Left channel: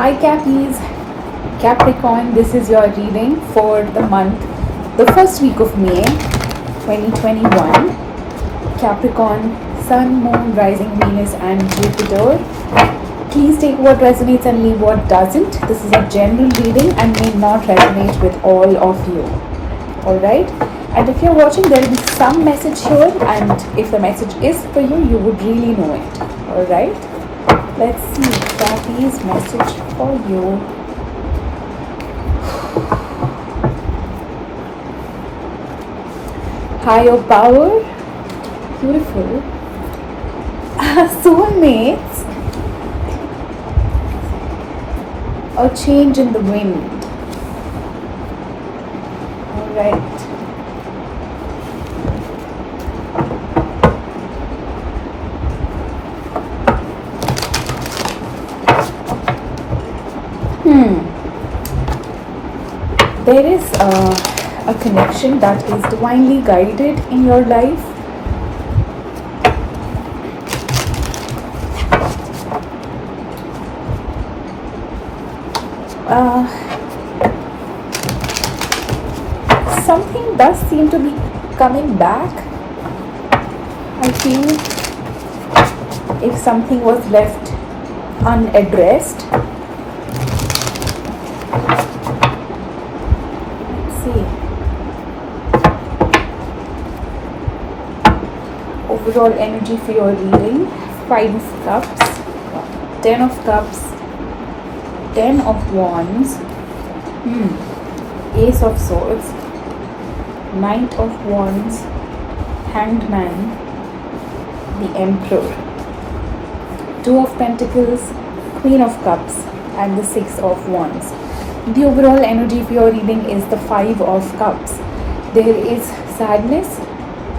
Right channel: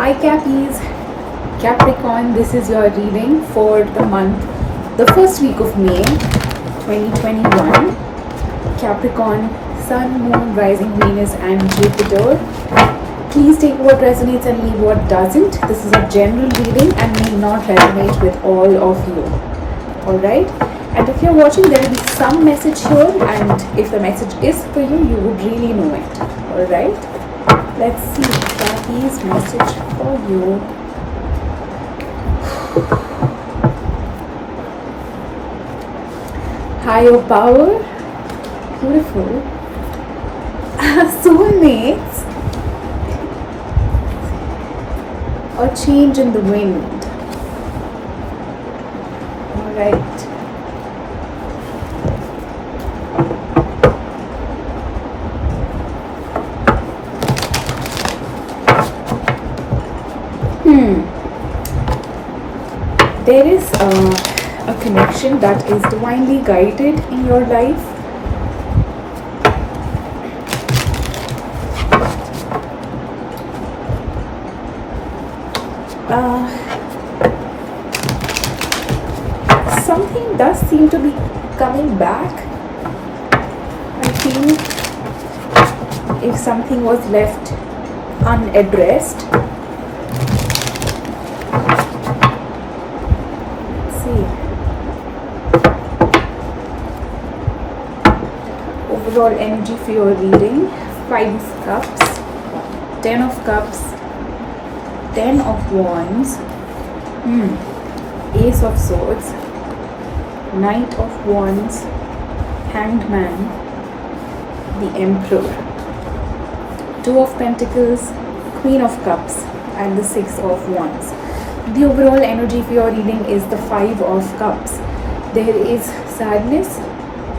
Hi Cappies, Capricorn, this is your reading for the month, the first week of May 2021. Capricorn, Sun, Moon, Rising, Venus and Jupiter. Please take what resonates and leave what doesn't. This is a general reading and may not resonate with all of you. Alright? And if you're watching, there will be some message here, and if the message is for you, you would really know it. Alright? Let's see Cappies' message for you. Higher power. Beautiful. Soulmates. A change in the wind. Alright. There is a connection that is divinely guided in your life. Something does seem to be coming back. I feel if something was left unaddressed. Overall energy for your reading: 5 of Cups, 10 of Cups, 10 of Wands, Ace of Swords, Knight of Wands, Hanged Man, the Emperor, 2 of Pentacles, Queen of Cups and the 6 of Wands. The overall energy for your reading is the 5 of Cups. There is sadness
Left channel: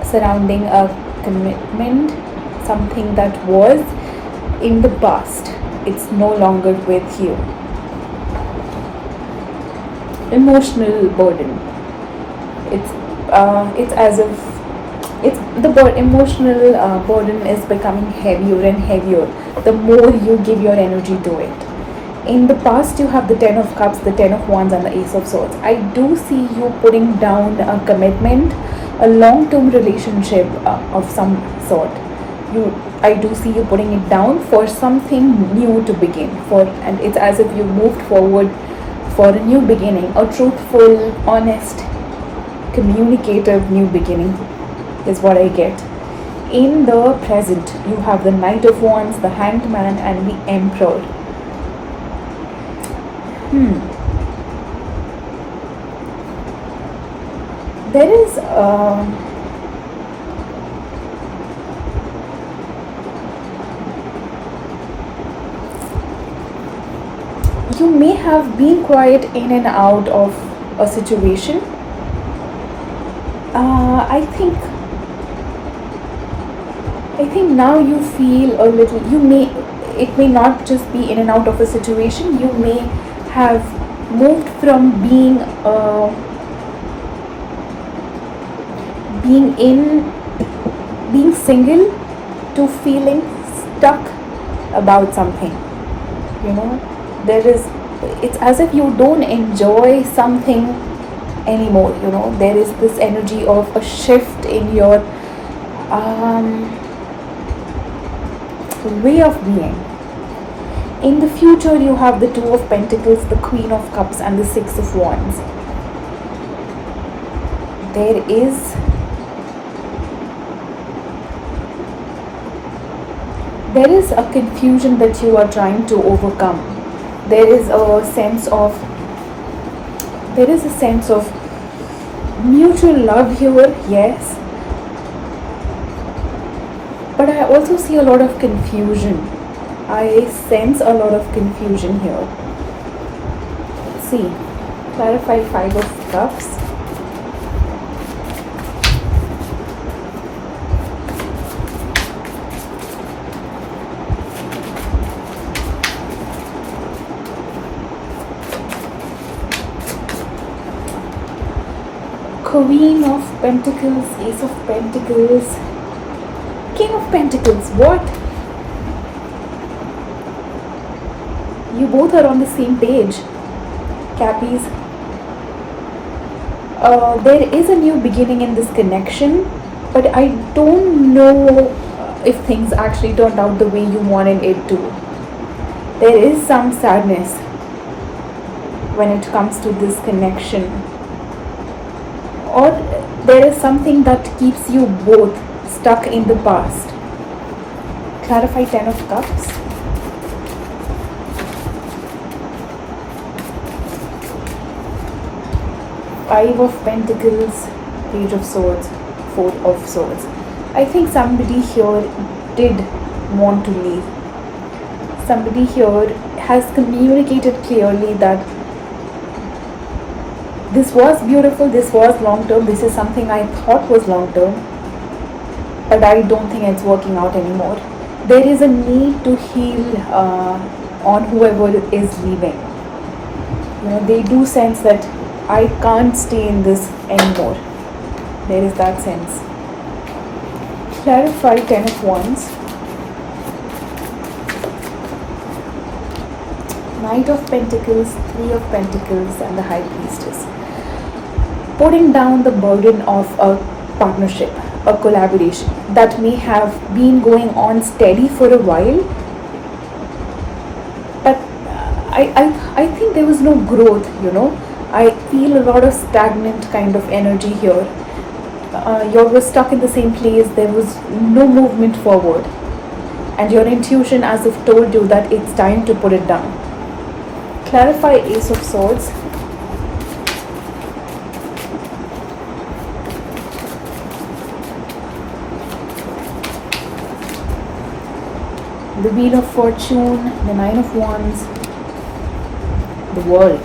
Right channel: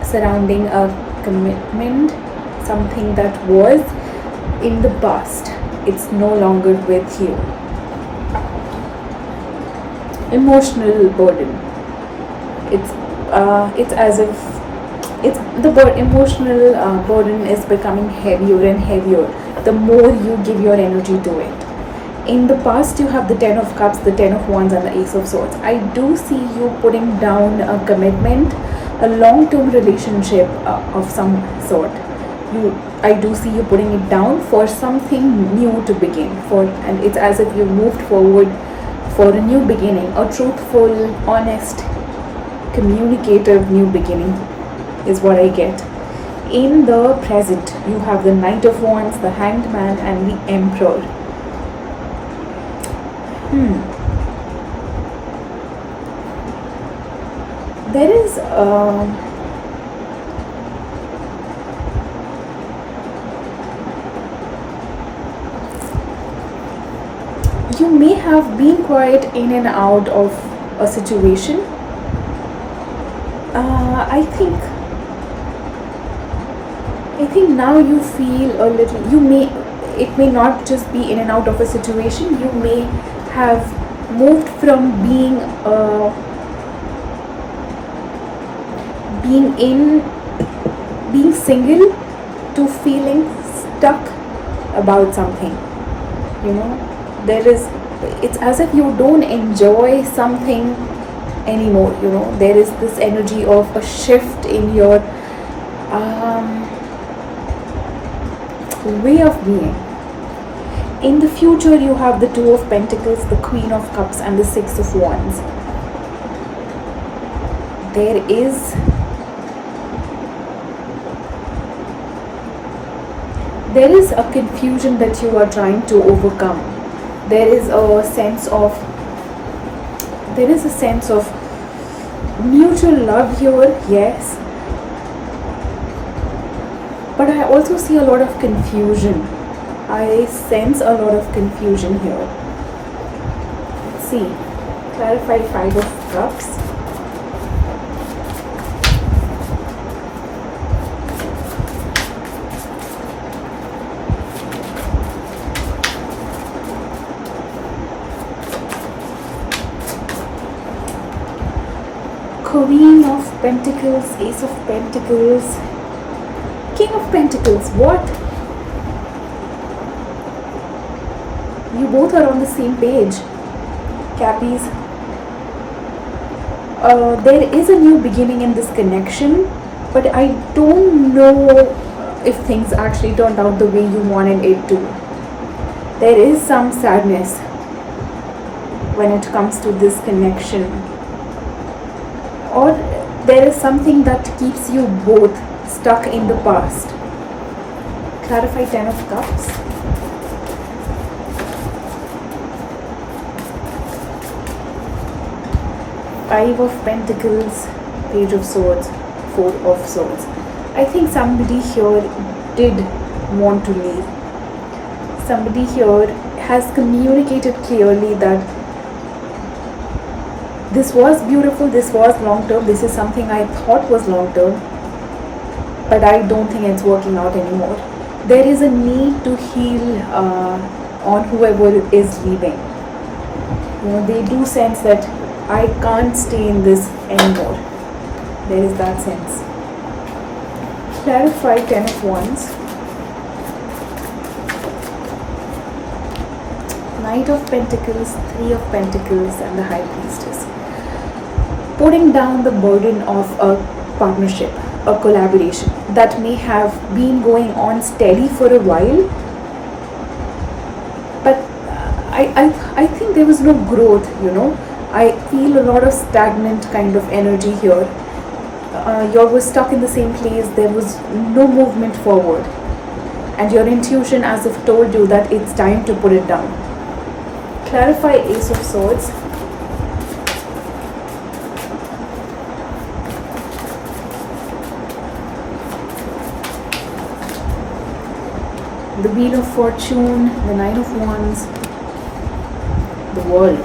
surrounding a commitment, something that was in the past. It's no longer with you. Emotional burden. It's as if emotional burden is becoming heavier and heavier the more you give your energy to it. In the past, you have the 10 of Cups, the 10 of Wands and the Ace of Swords. I do see you putting down a commitment, a long-term relationship of some sort. I do see you putting it down for something new to begin, and it's as if you moved forward for a new beginning, a truthful, honest, communicative new beginning is what I get. In the present, you have the Knight of Wands, the Hanged Man and the Emperor. There is you may have been quite in and out of a situation. I think now you feel a little, it may not just be in and out of a situation. You may have moved from being single to feeling stuck about something. It's as if you don't enjoy something anymore. There is this energy of a shift in your way of being. In the future, you have the 2 of Pentacles, the Queen of Cups and the 6 of Wands. There is a confusion that you are trying to overcome. There is a sense of mutual love here, yes. But I also see a lot of confusion. I sense a lot of confusion here. Let's see. Clarify 5 of Cups. Queen of Pentacles, Ace of Pentacles, King of Pentacles. What? You both are on the same page, Cappies. There is a new beginning in this connection, but I don't know if things actually turned out the way you wanted it to. There is some sadness when it comes to this connection, or there is something that keeps you both stuck in the past. Clarify 10 of Cups. Five of Pentacles, Page of Swords, Four of Swords. I think somebody here did want to leave. Somebody here has communicated clearly that this was beautiful, this was long term, this is something I thought was long term, but I don't think it's working out anymore. There is a need to heal on whoever is leaving. They do sense that I can't stay in this anymore. There is that sense. Clarify 10 of Wands. Knight of Pentacles, Three of Pentacles, and the High Priestess. Putting down the burden of a partnership, a collaboration that may have been going on steady for a while, but I think there was no growth, I feel a lot of stagnant kind of energy here. You were stuck in the same place, there was no movement forward, and your intuition as if told you that it's time to put it down. Clarify Ace of Swords. The Wheel of Fortune, the Nine of Wands, the World.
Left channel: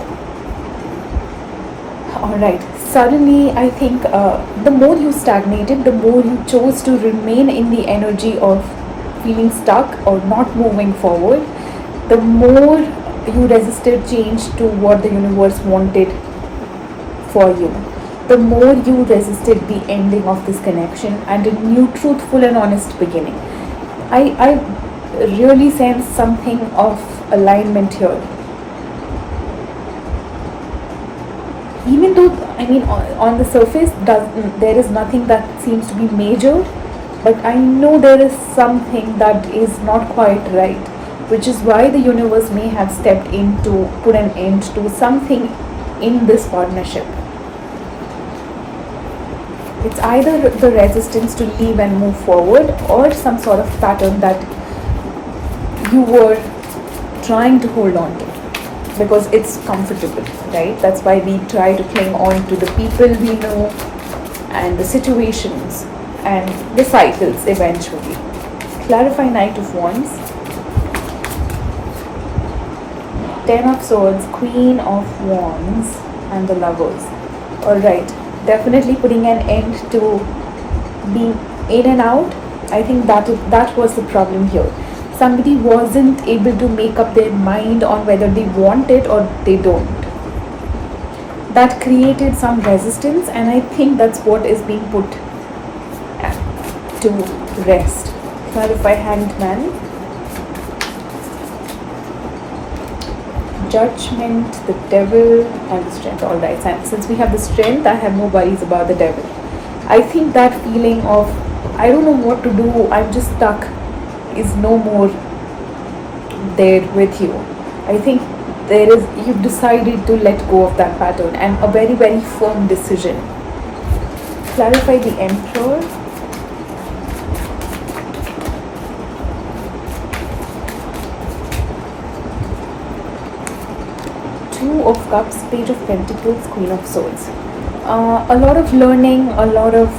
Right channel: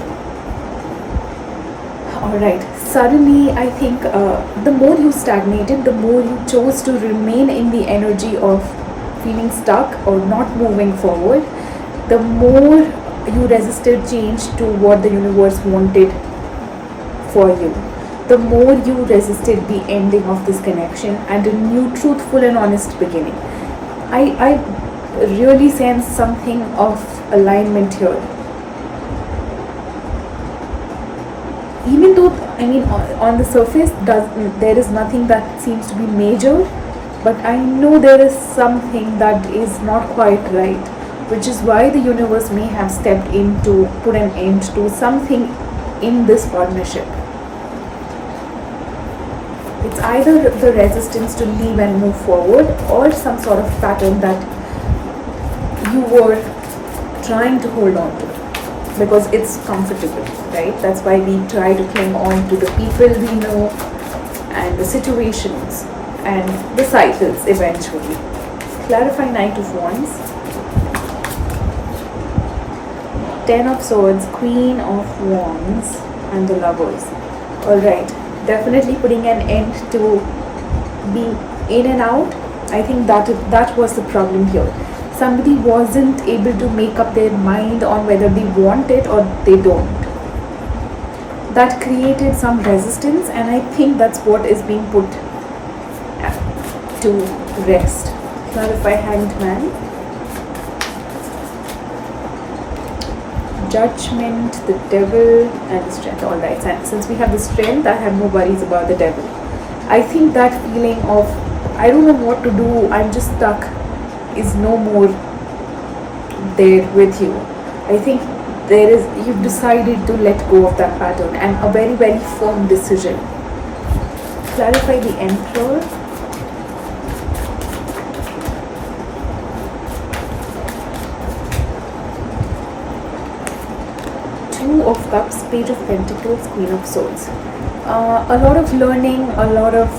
Alright, suddenly I think the more you stagnated, the more you chose to remain in the energy of feeling stuck or not moving forward, the more you resisted change to what the universe wanted for you. The more you resisted the ending of this connection and a new truthful and honest beginning. I really sense something of alignment here. Even though, on the surface, there is nothing that seems to be major, but I know there is something that is not quite right, which is why the universe may have stepped in to put an end to something in this partnership. It's either the resistance to leave and move forward, or some sort of pattern that you were trying to hold on to because it's comfortable, right? That's why we try to cling on to the people we know and the situations and the cycles eventually. Clarify Knight of Wands. 10 of Swords, Queen of Wands, and the Lovers. Alright, definitely putting an end to being in and out. I think that was the problem here. Somebody wasn't able to make up their mind on whether they want it or they don't. That created some resistance, and I think that's what is being put to rest. Clarify Hanged Man. Judgment, the Devil, and the Strength. Alright, and since we have the Strength, I have no worries about the Devil. I think that feeling of I don't know what to do, I'm just stuck, is no more there with you. I think you've decided to let go of that pattern, and a very, very firm decision. Clarify the Emperor. Two of Cups, Page of Pentacles, Queen of Swords. A lot of learning, a lot of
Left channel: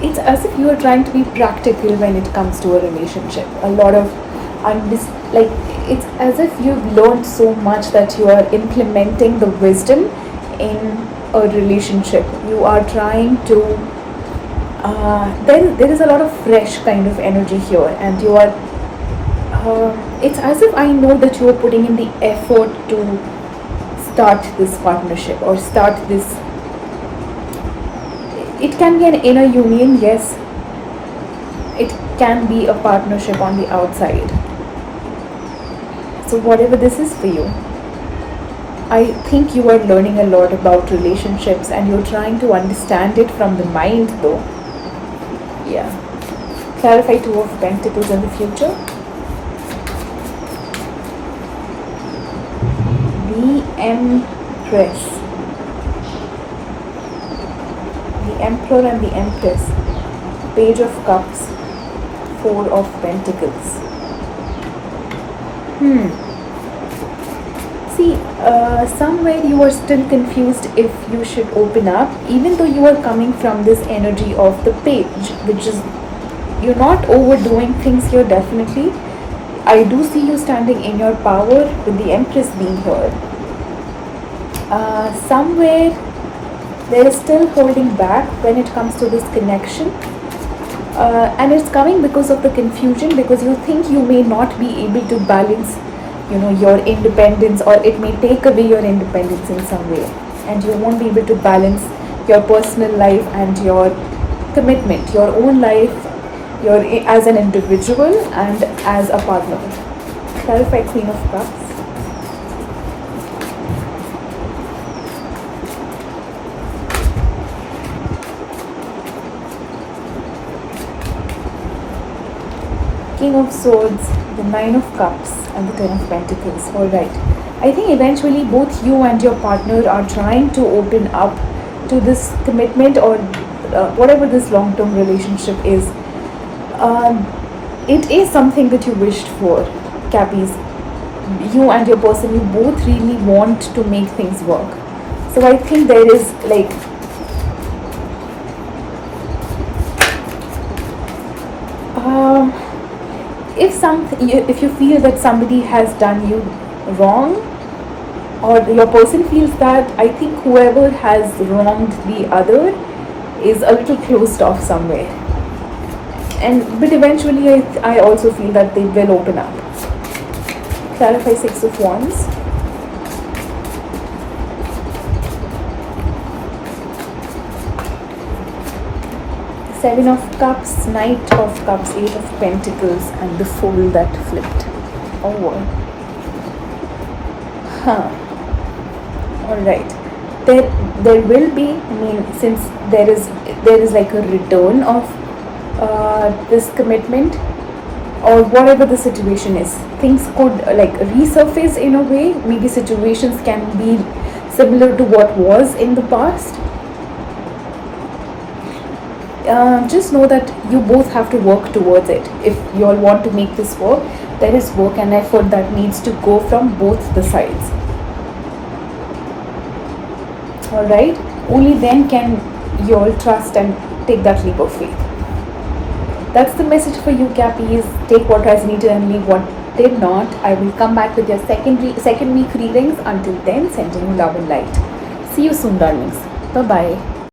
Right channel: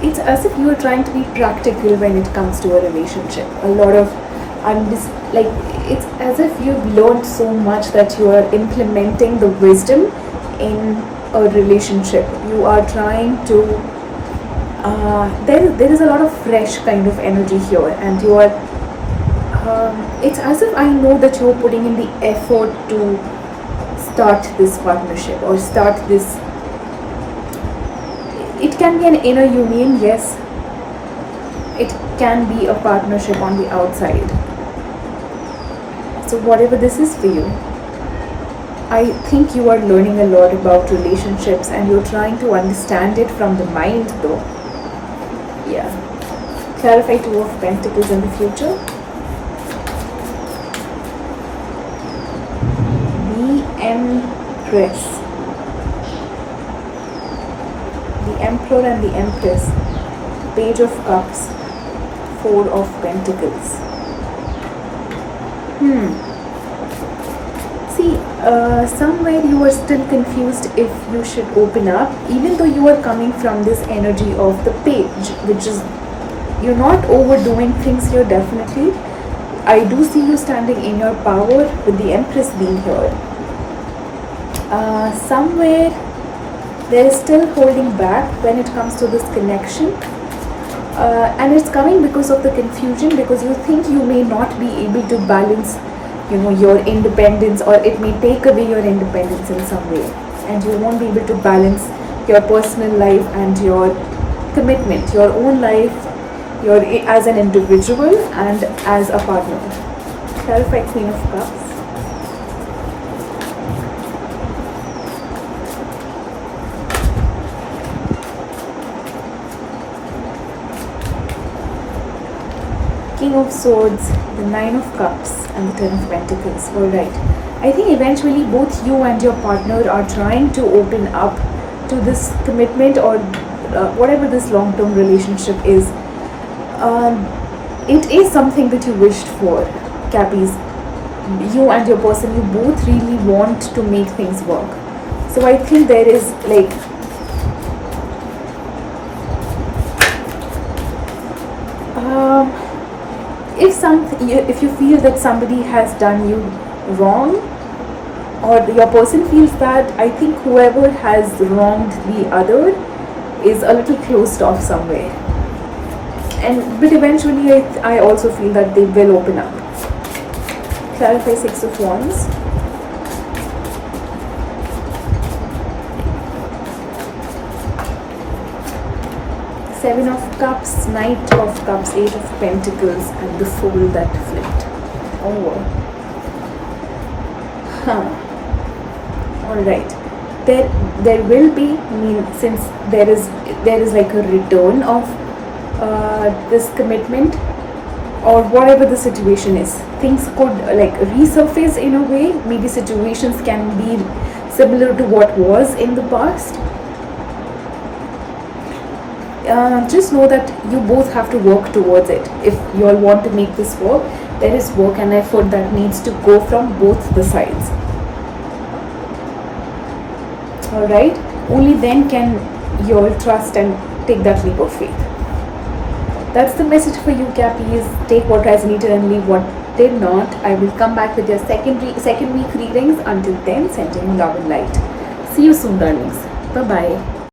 it's as if you are trying to be practical when it comes to a relationship. A lot of it's as if you've learned so much that you are implementing the wisdom in a relationship. You are trying to there is a lot of fresh kind of energy here, and you are it's as if I know that you are putting in the effort to start this partnership or start this. It can be an inner union, yes. can be a partnership on the outside. So whatever this is for you, I think you are learning a lot about relationships and you're trying to understand it from the mind though. Yeah. Clarify Two of Pentacles in the future. The Empress. The Emperor and the Empress. Page of Cups. Four of Pentacles. See, somewhere you are still confused if you should open up, even though you are coming from this energy of the page, which is, you're not overdoing things here, definitely. I do see you standing in your power with the Empress being here. Somewhere there is still holding back when it comes to this connection. And it's coming because of the confusion, because you think you may not be able to balance, your independence, or it may take away your independence in some way, and you won't be able to balance your personal life and your commitment, your own life, your as an individual and as a partner. Clarify Queen of Cups. King of Swords, the Nine of Cups, and the Ten of Pentacles. Alright. I think eventually both you and your partner are trying to open up to this commitment, or whatever this long-term relationship is. It is something that you wished for, Cappies. You and your person, you both really want to make things work. So I think there is like if you feel that somebody has done you wrong, or your person feels that, I think whoever has wronged the other is a little closed off somewhere. But eventually I also feel that they will open up. Clarify Six of Wands. Seven of Cups, Knight of Cups, Eight of Pentacles, and the Fool that flipped. Alright. There will be, since there is like a return of this commitment, or whatever the situation is, things could like resurface in a way. Maybe situations can be similar to what was in the past. Just know that you both have to work towards it. If you all want to make this work, there is work and effort that needs to go from both the sides. Alright? Only then can you all trust and take that leap of faith. That's the message for you, Cappies. Take what resonated and leave what did not. I will come back with your second week readings. Until then, sending you love and light. See you soon, darlings. Bye-bye.